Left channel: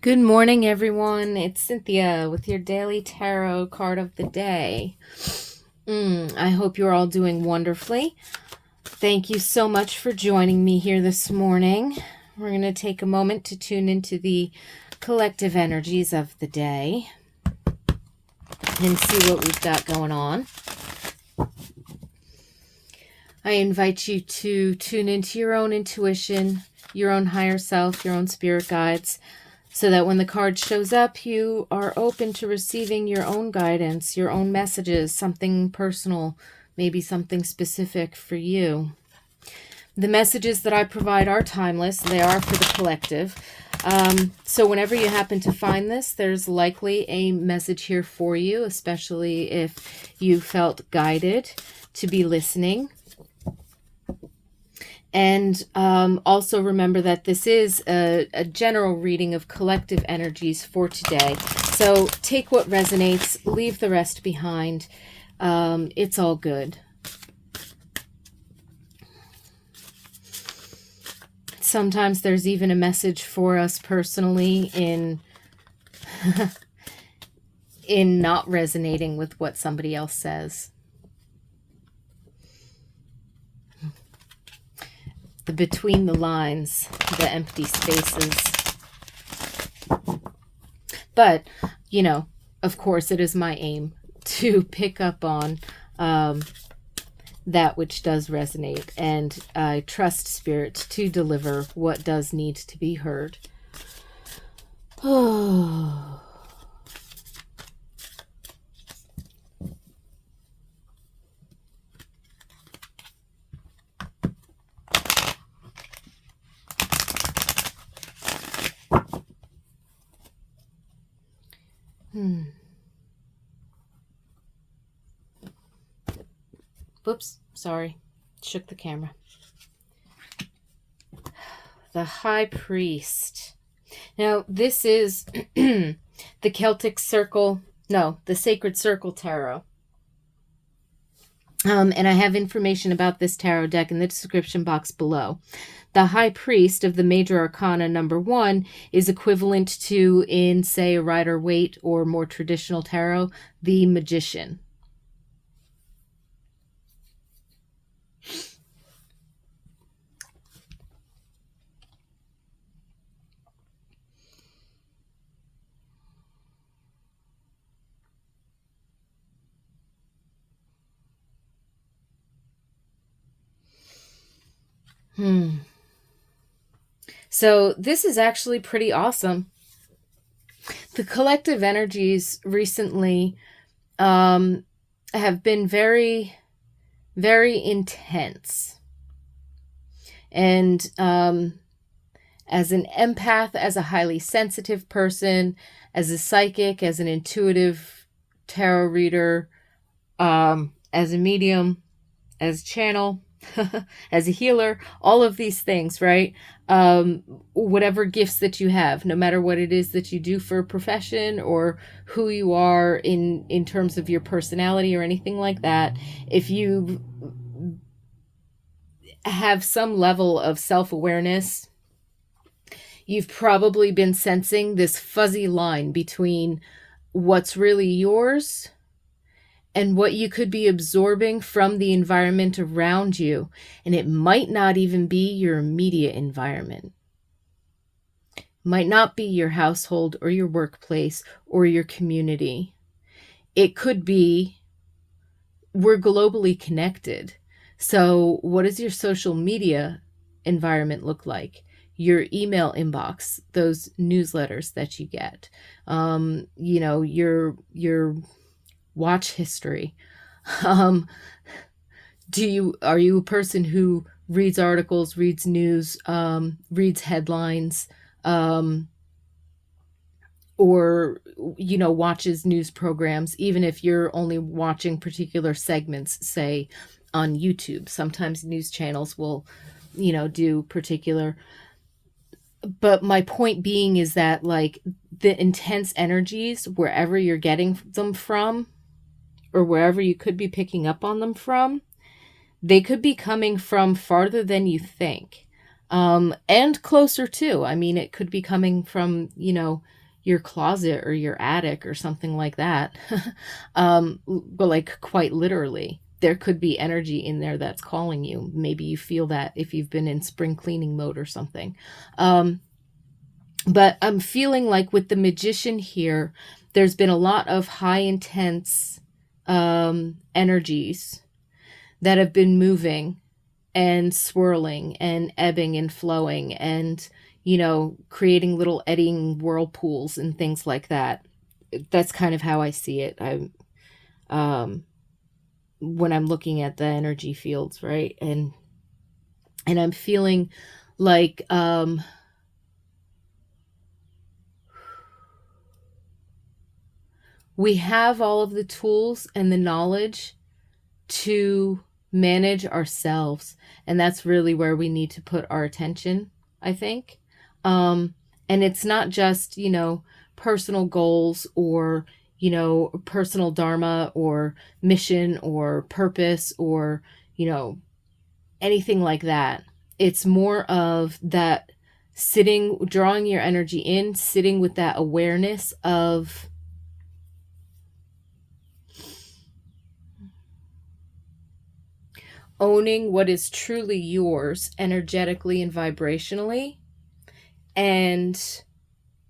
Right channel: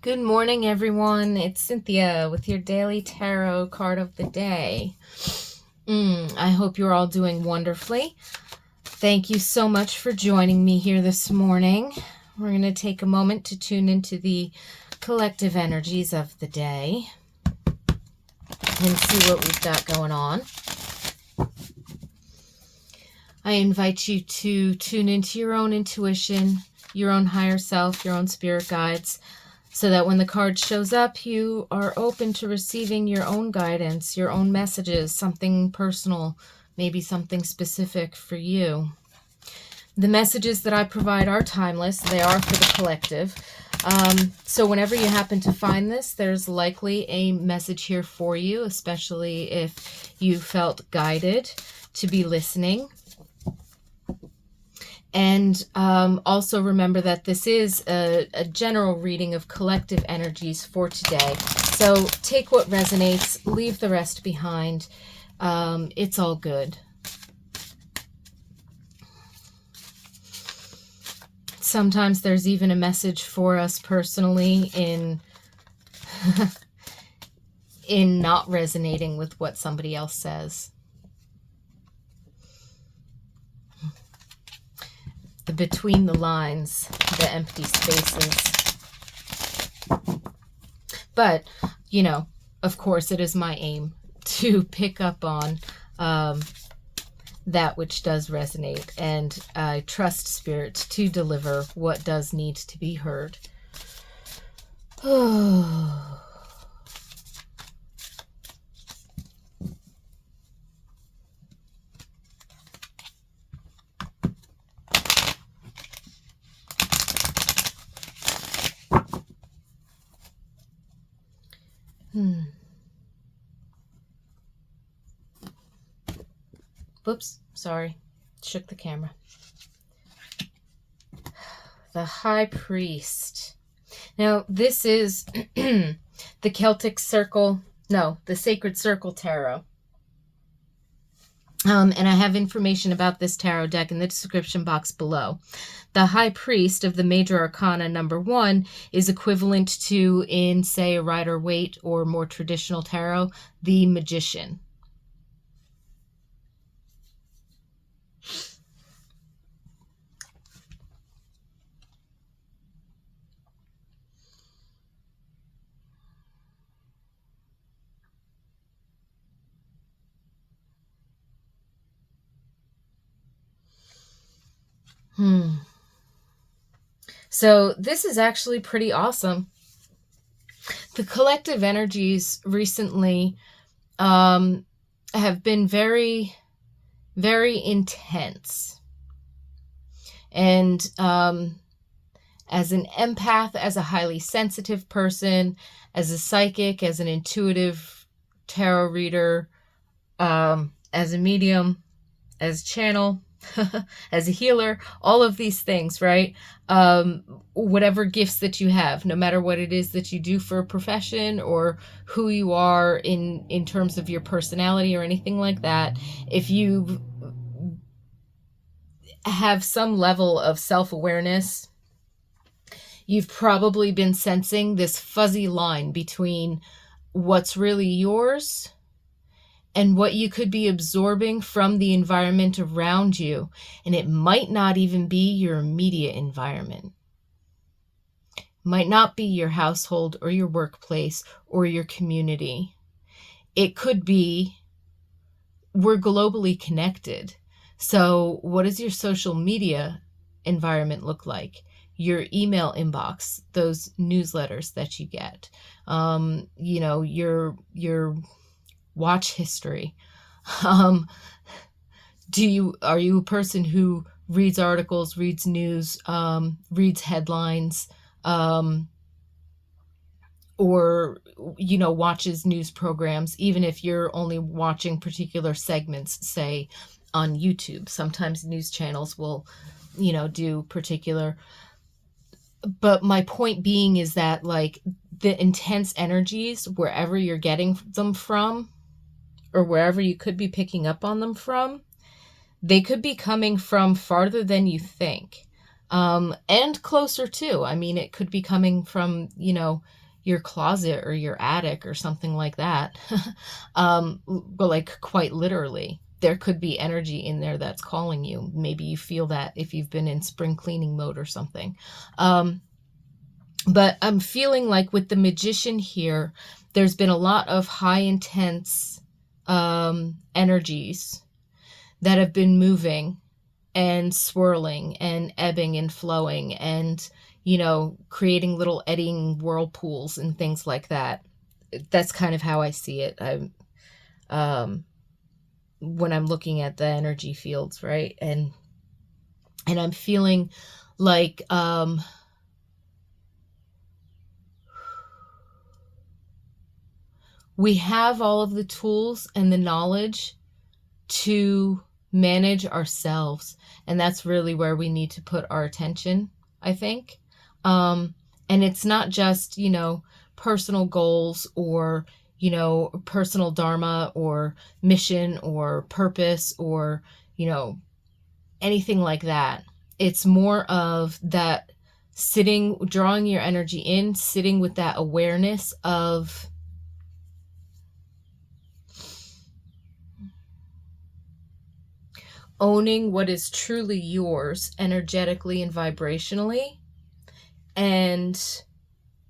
Good morning, everyone. It's Cynthia with your daily tarot card of the day. I hope you're all doing wonderfully. Thank you so much for joining me here this morning. We're going to take a moment to tune into the collective energies of the day and see what we've got going on. I invite you to tune into your own intuition, your own higher self, your own spirit guides, so that when the card shows up, you are open to receiving your own guidance, your own messages, something personal, maybe something specific for you. The messages that I provide are timeless. They are for the collective. So whenever you happen to find this, there's likely a message here for you, especially if you felt guided to be listening. And also remember that this is a general reading of collective energies for today. So take what resonates, leave the rest behind. It's all good. Sometimes there's even a message for us personally in in not resonating with what somebody else says. The between the lines, the empty spaces. But, you know, of course, it is my aim to pick up on that which does resonate. And I trust Spirit to deliver what does need to be heard. Oh. Whoops, sorry. Shook the camera. The High Priest. Now, this is the Celtic Circle, no, the Sacred Circle Tarot. And I have information about this tarot deck in the description box below. The High Priest of the Major Arcana number 1 is equivalent to, in, say, a Rider-Waite or more traditional tarot, the Magician. So this is actually pretty awesome. The collective energies recently have been very, very intense. And as an empath, as a highly sensitive person, as a psychic, as an intuitive tarot reader, as a medium, as a channel, as a healer, all of these things, right? Whatever gifts that you have, no matter what it is that you do for a profession or who you are in terms of your personality or anything like that, if you have some level of self-awareness, you've probably been sensing this fuzzy line between what's really yours and what you could be absorbing from the environment around you. And it might not even be your immediate environment. It might not be your household or your workplace or your community. It could be, we're globally connected. So what does your social media environment look like? Your email inbox, those newsletters that you get, your watch history. Are you a person who reads articles, reads news, reads headlines, or watches news programs, even if you're only watching particular segments, say on YouTube? Sometimes news channels will do particular. But my point being is that, like, the intense energies, wherever you're getting them from, or wherever you could be picking up on them from, they could be coming from farther than you think. And closer too. I mean, it could be coming from, your closet or your attic or something like that. But like quite literally, there could be energy in there that's calling you. Maybe you feel that if you've been in spring cleaning mode or something. But I'm feeling like with the Magician here, there's been a lot of high intense energies that have been moving and swirling and ebbing and flowing and, creating little eddying whirlpools and things like that. That's kind of how I see it. When I'm looking at the energy fields, right? And I'm feeling like, we have all of the tools and the knowledge to manage ourselves. And that's really where we need to put our attention, I think. And it's not just, personal goals or, personal dharma or mission or purpose or, anything like that. It's more of that sitting, drawing your energy in, sitting with that awareness of owning what is truly yours energetically and vibrationally, and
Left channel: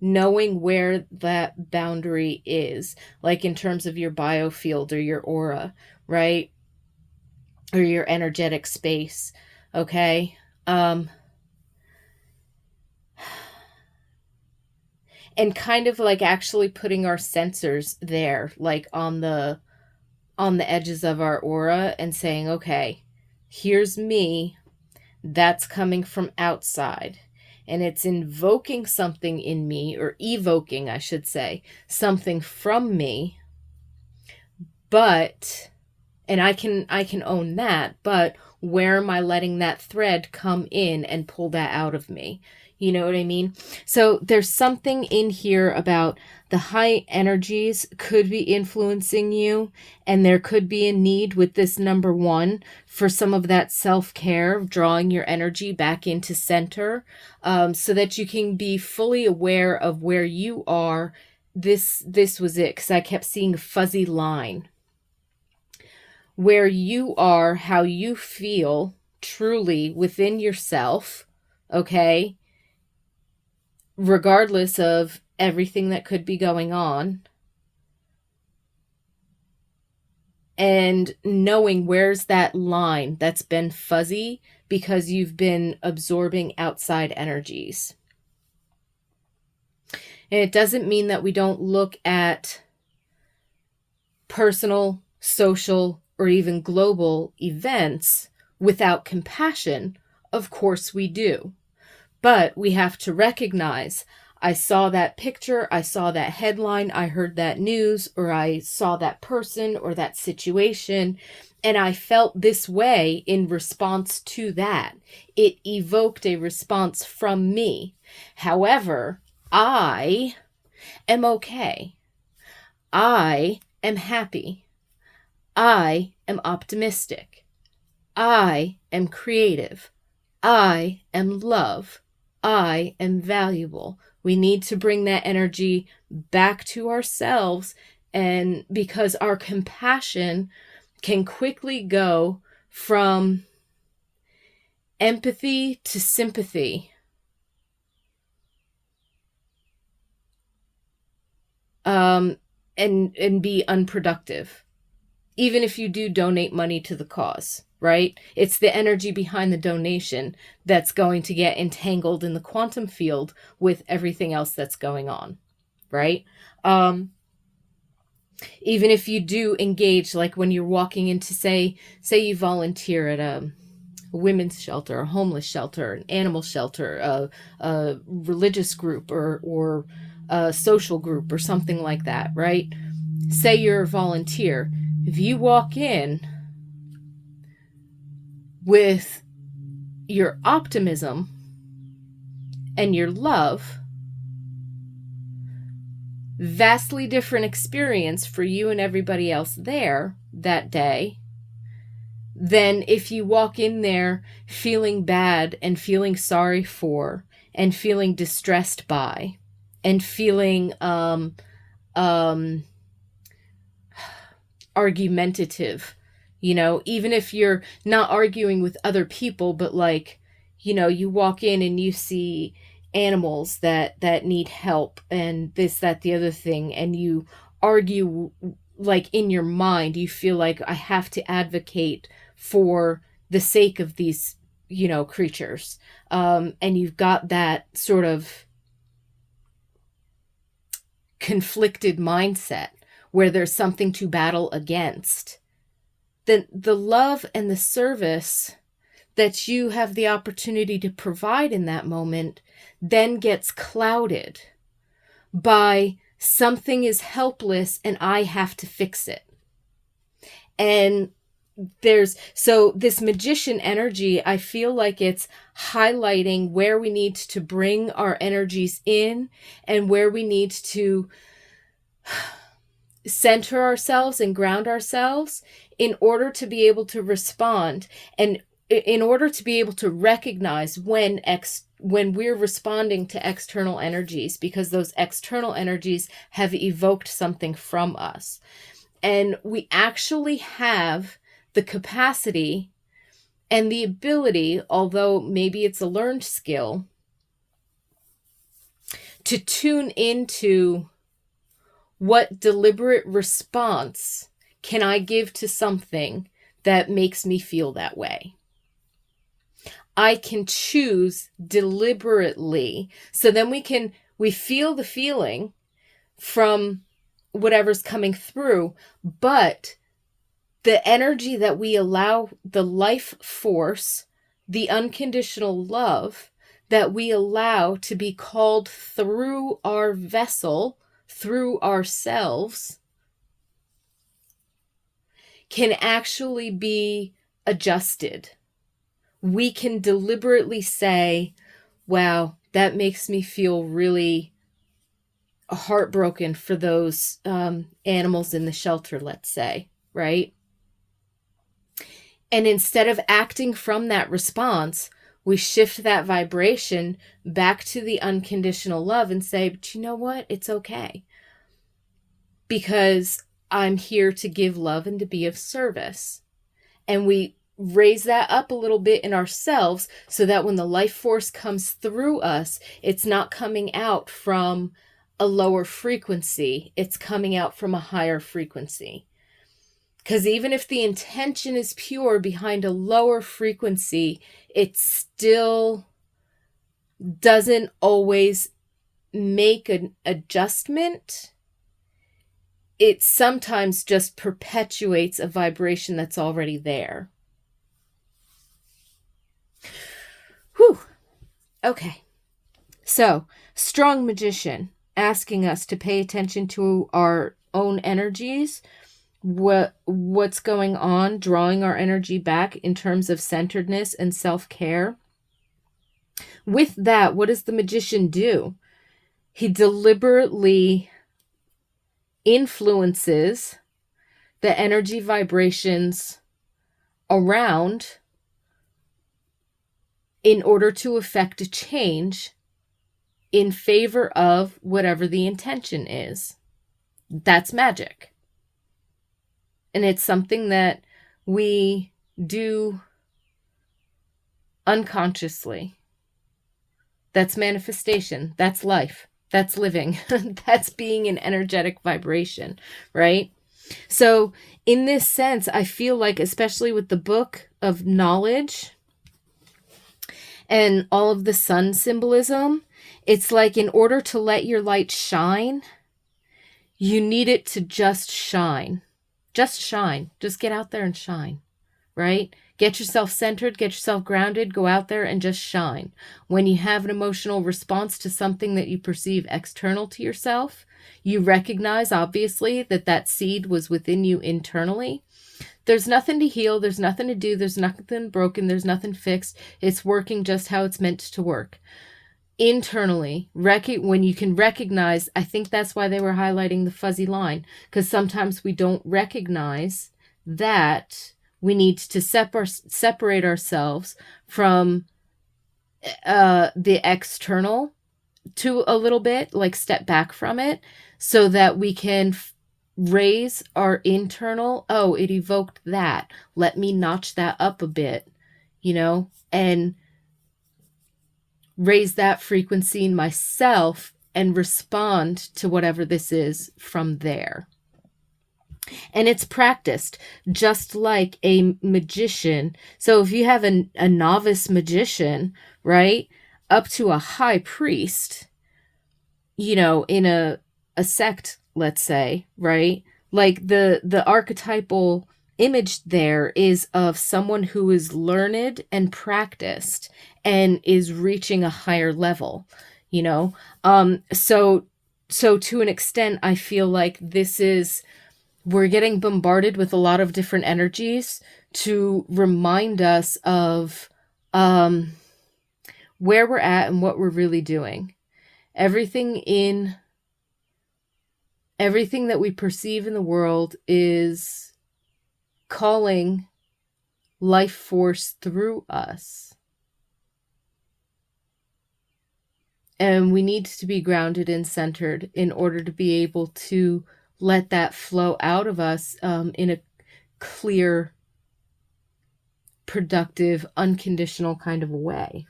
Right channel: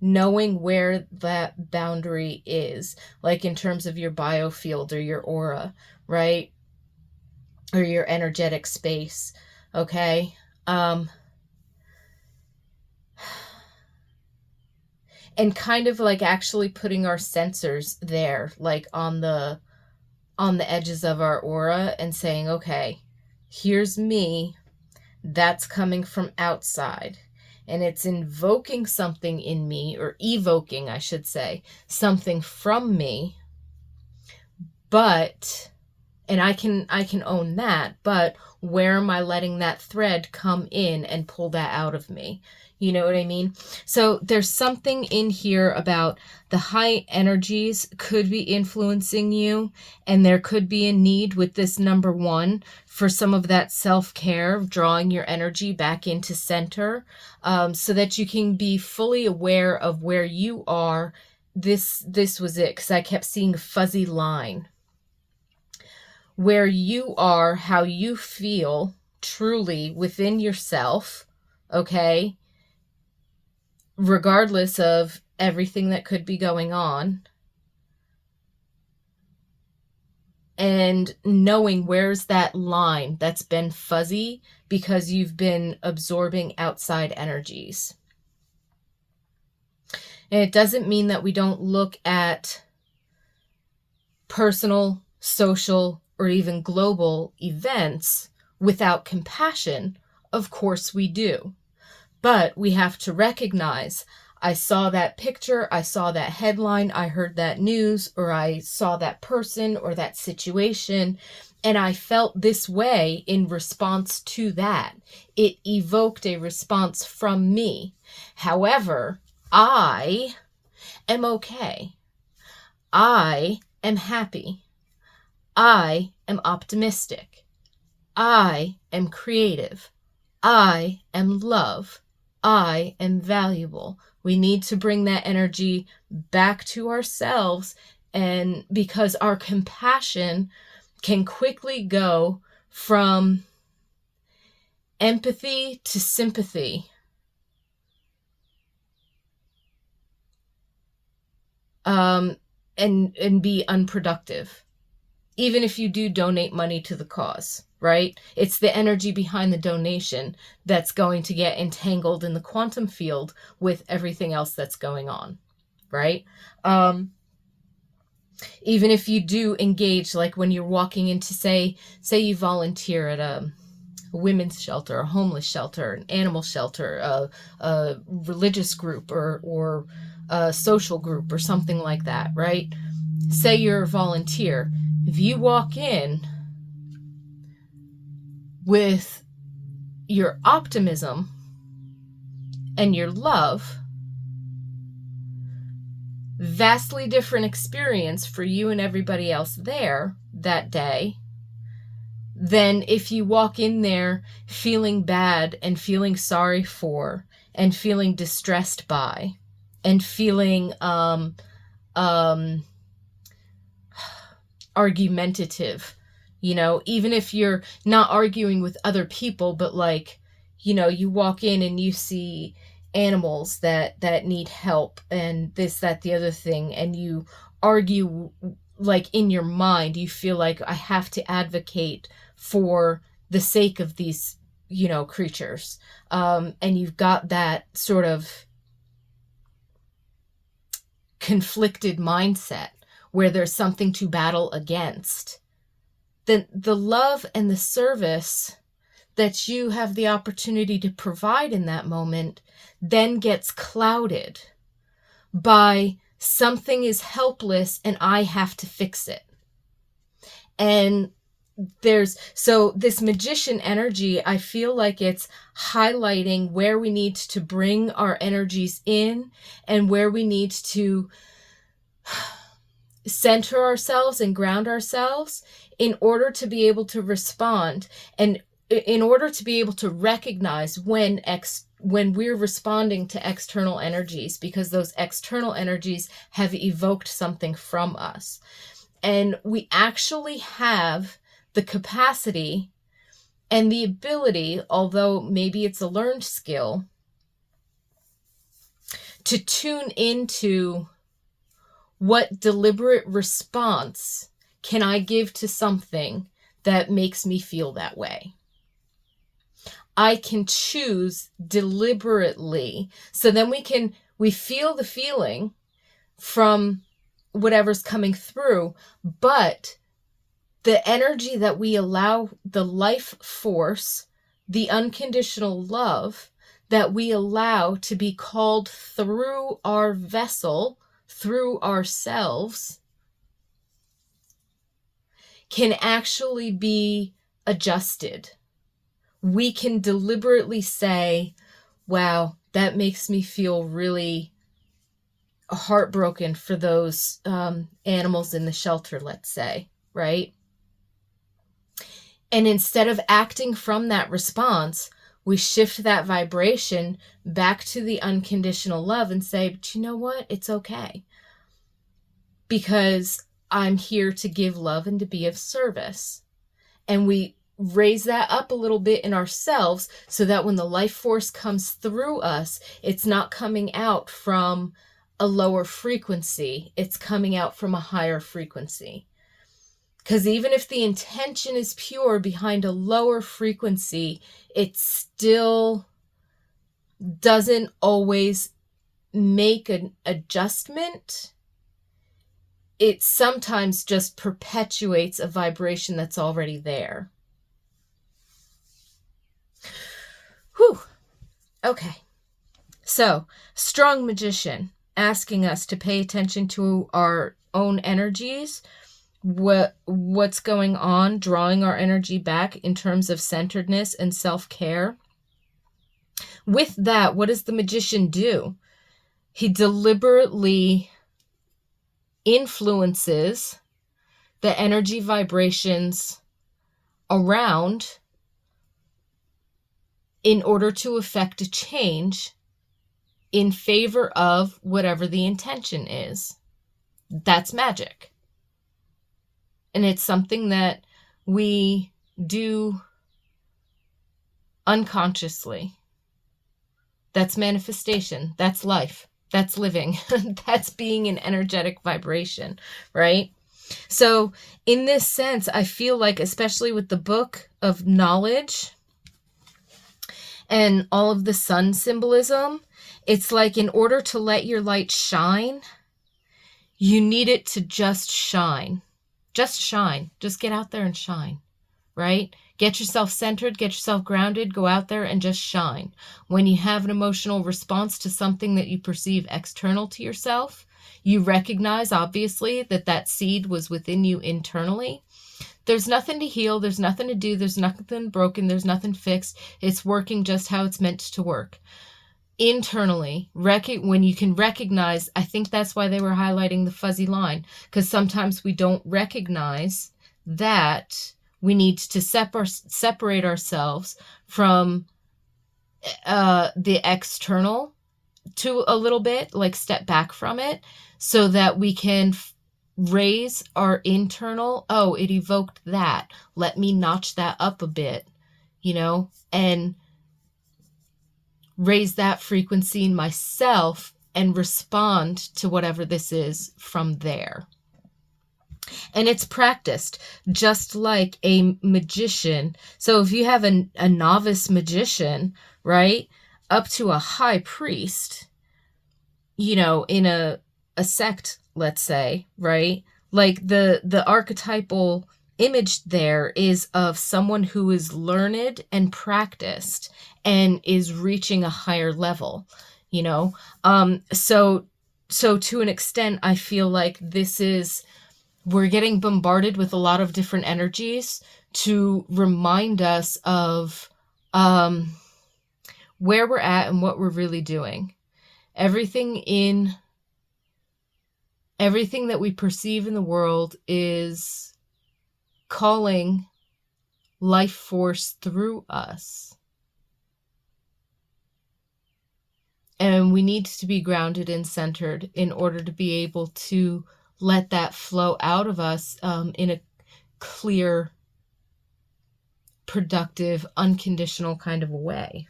knowing where that boundary is, like in terms of your biofield or your aura, right? Or your energetic space, okay? And kind of like actually putting our sensors there, like on the edges of our aura, and saying, okay, here's me, that's coming from outside, and it's invoking something in me, or evoking, I should say, something from me. But, and I can own that, but where am I letting that thread come in and pull that out of me? You know what I mean? So there's something in here about the high energies could be influencing you, and there could be a need with this number 1 for some of that self-care, drawing your energy back into center, so that you can be fully aware of where you are. This was it, because I kept seeing a fuzzy line. Where you are, how you feel truly within yourself, okay? Regardless of everything that could be going on. And knowing where's that line that's been fuzzy because you've been absorbing outside energies. And it doesn't mean that we don't look at personal, social, or even global events without compassion. Of course we do. But we have to recognize, I saw that picture, I saw that headline, I heard that news, or I saw that person or that situation, and I felt this way in response to that. It evoked a response from me. However, I am okay. I am happy. I am optimistic. I am creative. I am love. I am valuable. We need to bring that energy back to ourselves, and because our compassion can quickly go from empathy to sympathy. And be unproductive. Even if you do donate money to the cause, right? It's the energy behind the donation that's going to get entangled in the quantum field with everything else that's going on, right? Even if you do engage, like when you're walking into, say you volunteer at a women's shelter, a homeless shelter, an animal shelter, a religious group, or a social group or something like that, right? Say you're a volunteer. If you walk in with your optimism and your love, vastly different experience for you and everybody else there that day than if you walk in there feeling bad and feeling sorry for and feeling distressed by and feeling um argumentative. Even if you're not arguing with other people, but like, you walk in and you see animals that need help and this, that, the other thing, and you argue, like in your mind you feel like, I have to advocate for the sake of these creatures, and you've got that sort of conflicted mindset where there's something to battle against, then the love and the service that you have the opportunity to provide in that moment then gets clouded by something is helpless and I have to fix it. And so this magician energy, I feel like it's highlighting where we need to bring our energies in and where we need to center ourselves and ground ourselves in order to be able to respond, and in order to be able to recognize when we're responding to external energies, because those external energies have evoked something from us. And we actually have the capacity and the ability, although maybe it's a learned skill, to tune into what deliberate response can I give to something that makes me feel that way. I can choose deliberately. So then we feel the feeling from whatever's coming through, but the energy that we allow, the life force, the unconditional love that we allow to be called through our vessel, through ourselves, can actually be adjusted. We can deliberately say, wow, that makes me feel really heartbroken for those animals in the shelter, let's say, right? And instead of acting from that response, we shift that vibration back to the unconditional love and say, but you know what? It's okay. Because I'm here to give love and to be of service. And we raise that up a little bit in ourselves so that when the life force comes through us, it's not coming out from a lower frequency. It's coming out from a higher frequency. Because even if the intention is pure behind a lower frequency, it still doesn't always make an adjustment. It sometimes just perpetuates a vibration that's already there. Whew. Okay. So, strong magician asking us to pay attention to our own energies, what's going on, drawing our energy back in terms of centeredness and self-care. With that, what does the magician do? He deliberately influences the energy vibrations around in order to effect a change in favor of whatever the intention is. That's magic. And it's something that we do unconsciously. That's manifestation. That's life. That's living. That's being an energetic vibration, right? So in this sense, I feel like, especially with the book of knowledge and all of the sun symbolism, it's like in order to let your light shine, you need it to just shine. Just shine. Just get out there and shine, right? Get yourself centered, get yourself grounded, go out there and just shine. When you have an emotional response to something that you perceive external to yourself, you recognize, obviously, that seed was within you internally. There's nothing to heal. There's nothing to do. There's nothing broken. There's nothing fixed. It's working just how it's meant to work. Internally, when you can recognize, I think that's why they were highlighting the fuzzy line, because sometimes we don't recognize that We need to separate ourselves from the external to a little bit, like step back from it, so that we can raise our internal. Oh, it evoked that. Let me notch that up a bit, and raise that frequency in myself and respond to whatever this is from there. And it's practiced just like a magician. So if you have a novice magician, right, up to a high priest, in a sect, let's say, right, like the archetypal image there is of someone who is learned and practiced and is reaching a higher level, so to an extent, I feel like we're getting bombarded with a lot of different energies to remind us of where we're at and what we're really doing. Everything that we perceive in the world is calling life force through us. And we need to be grounded and centered in order to be able to let that flow out of us in a clear, productive, unconditional kind of a way.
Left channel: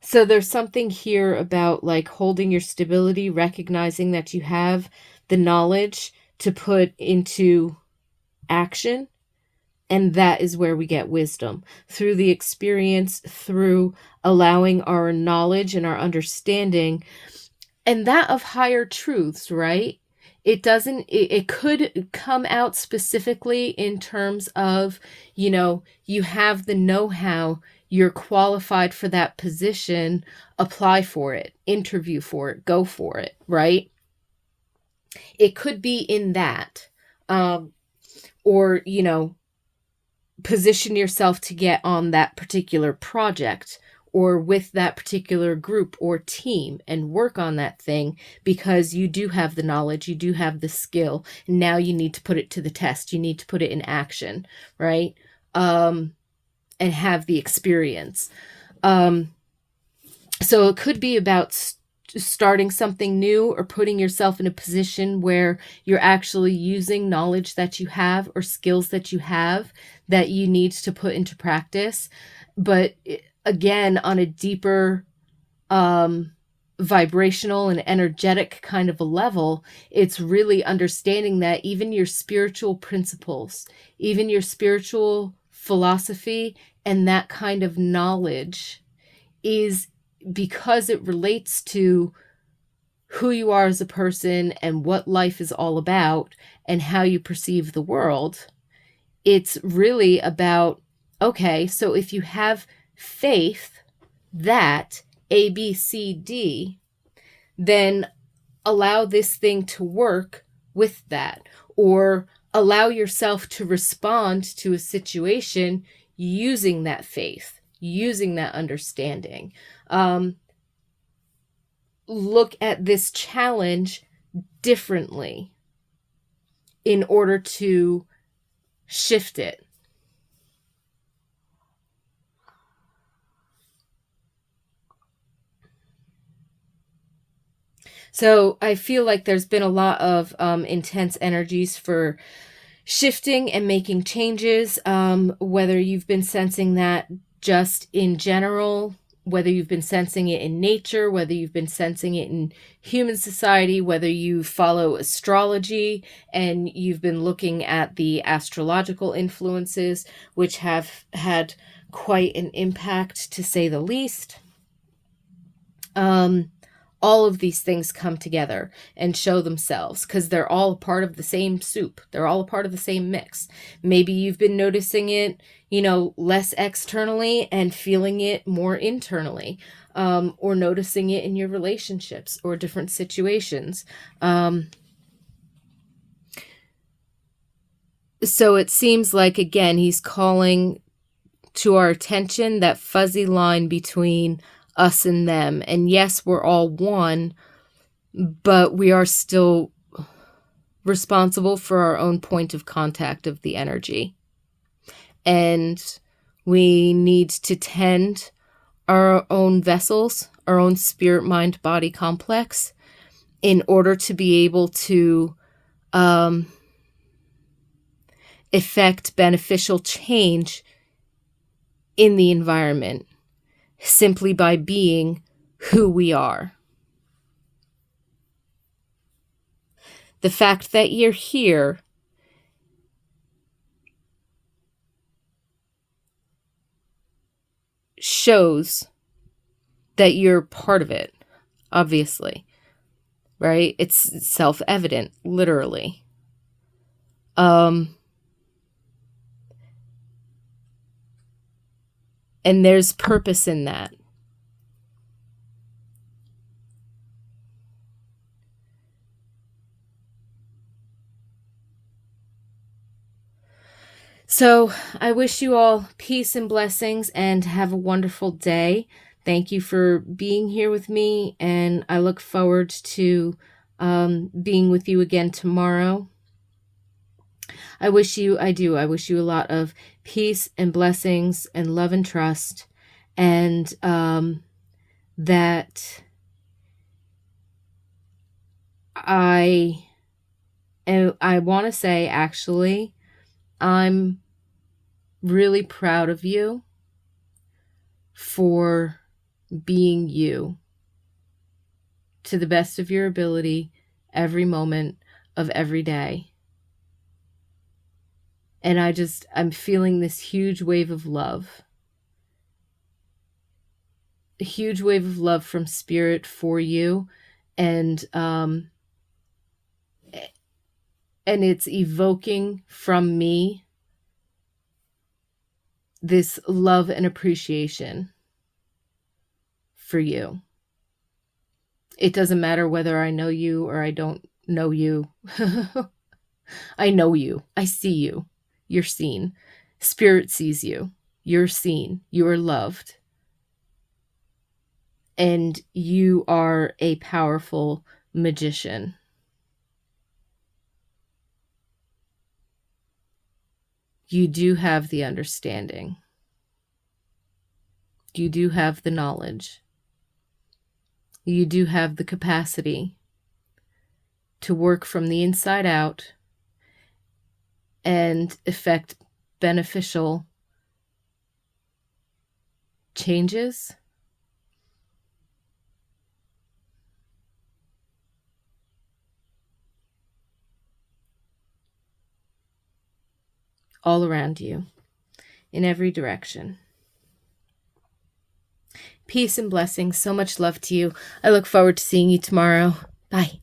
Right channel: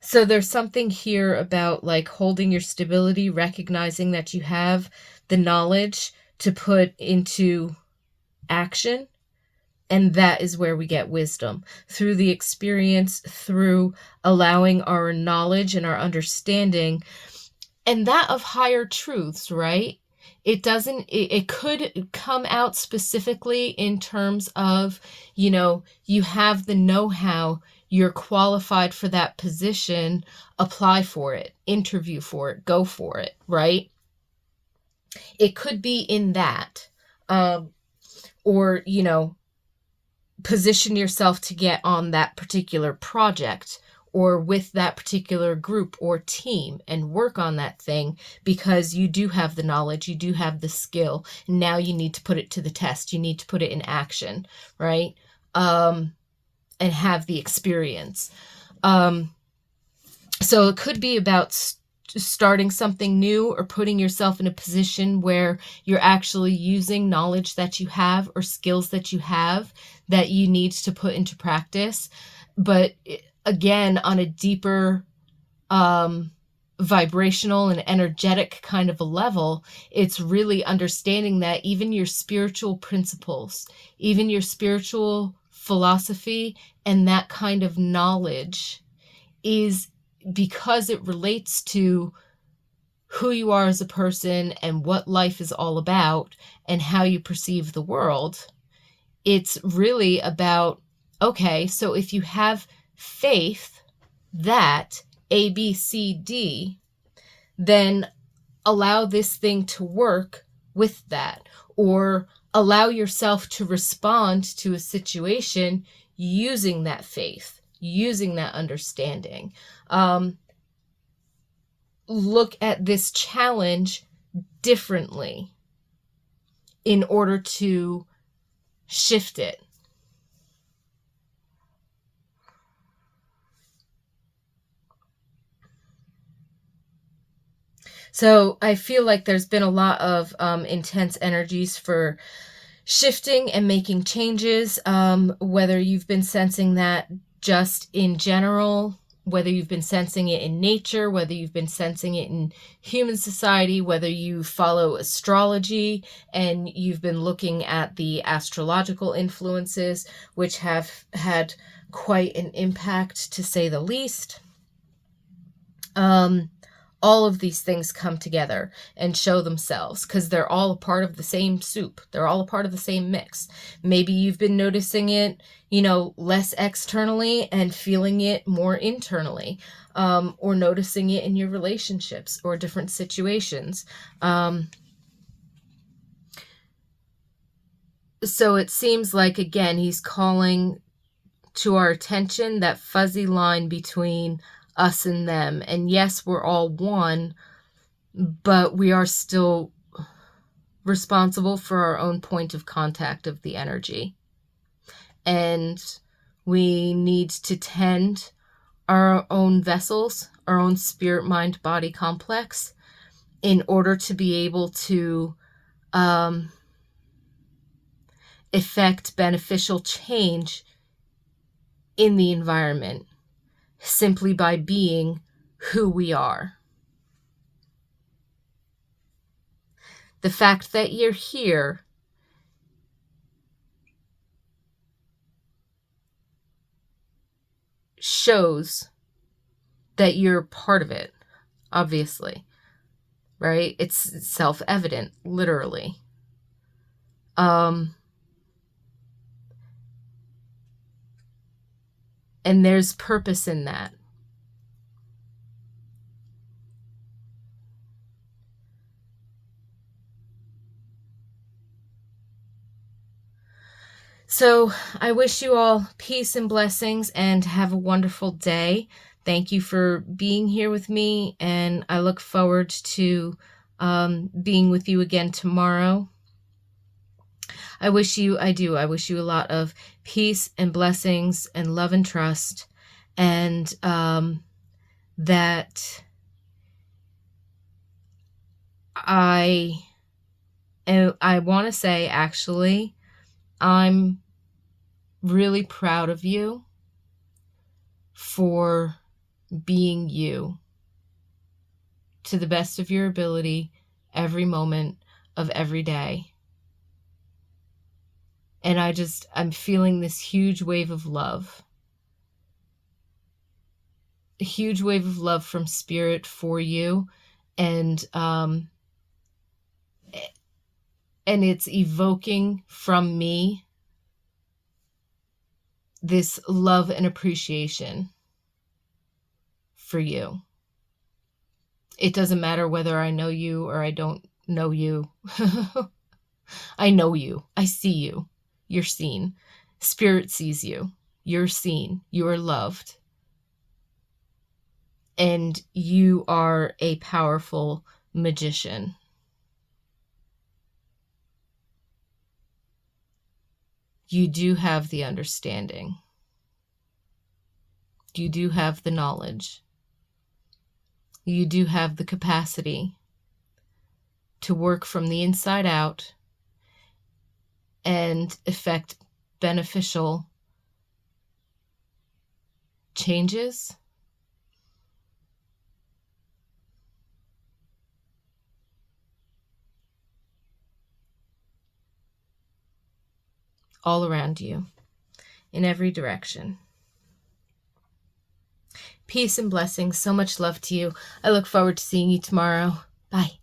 So there's something here about like holding your stability, recognizing that you have the knowledge to put into action. And that is where we get wisdom, through the experience, through allowing our knowledge and our understanding, and that of higher truths, right? It could come out specifically in terms of, you have the know-how, you're qualified for that position, apply for it, interview for it, go for it, right? It could be in that, or, position yourself to get on that particular project or with that particular group or team and work on that thing because you do have the knowledge, you do have the skill. And now you need to put it to the test. You need to put it in action, right? And have the experience. So it could be about starting something new or putting yourself in a position where you're actually using knowledge that you have or skills that you have that you need to put into practice. But again, on a deeper vibrational and energetic kind of a level, it's really understanding that even your spiritual principles, even your spiritual philosophy and that kind of knowledge is, because it relates to who you are as a person and what life is all about and how you perceive the world, it's really about, okay, so if you have faith that A, B, C, D, then allow this thing to work with that, or allow yourself to respond to a situation using that faith, using that understanding. Look at this challenge differently in order to shift it. So I feel like there's been a lot of intense energies for shifting and making changes, whether you've been sensing that just in general, whether you've been sensing it in nature, whether you've been sensing it in human society, whether you follow astrology and you've been looking at the astrological influences, which have had quite an impact, to say the least. All of these things come together and show themselves because they're all a part of the same soup. They're all a part of the same mix. Maybe you've been noticing it, less externally and feeling it more internally, or noticing it in your relationships or different situations. So it seems like, again, he's calling to our attention that fuzzy line between us and them. And yes, we're all one, but we are still responsible for our own point of contact of the energy. And we need to tend our own vessels, our own spirit, mind, body complex, in order to be able to effect beneficial change in the environment simply by being who we are. The fact that you're here shows that you're part of it, obviously, right? It's self-evident, literally. And there's purpose in that. So I wish you all peace and blessings and have a wonderful day. Thank you for being here with me, and I look forward to being with you again tomorrow. I wish you a lot of peace and blessings and love and trust, and that I want to say, actually, I'm really proud of you for being you to the best of your ability every moment of every day. And I'm feeling this huge wave of love. A huge wave of love from Spirit for you. And it's evoking from me this love and appreciation for you. It doesn't matter whether I know you or I don't know you. I know you. I see you. You're seen. Spirit sees you. You're seen. You are loved. And you are a powerful magician. You do have the understanding. You do have the knowledge. You do have the capacity to work from the inside out and effect beneficial changes all around you, in every direction. Peace and blessings. So much love to you. I look forward to seeing you tomorrow. Bye.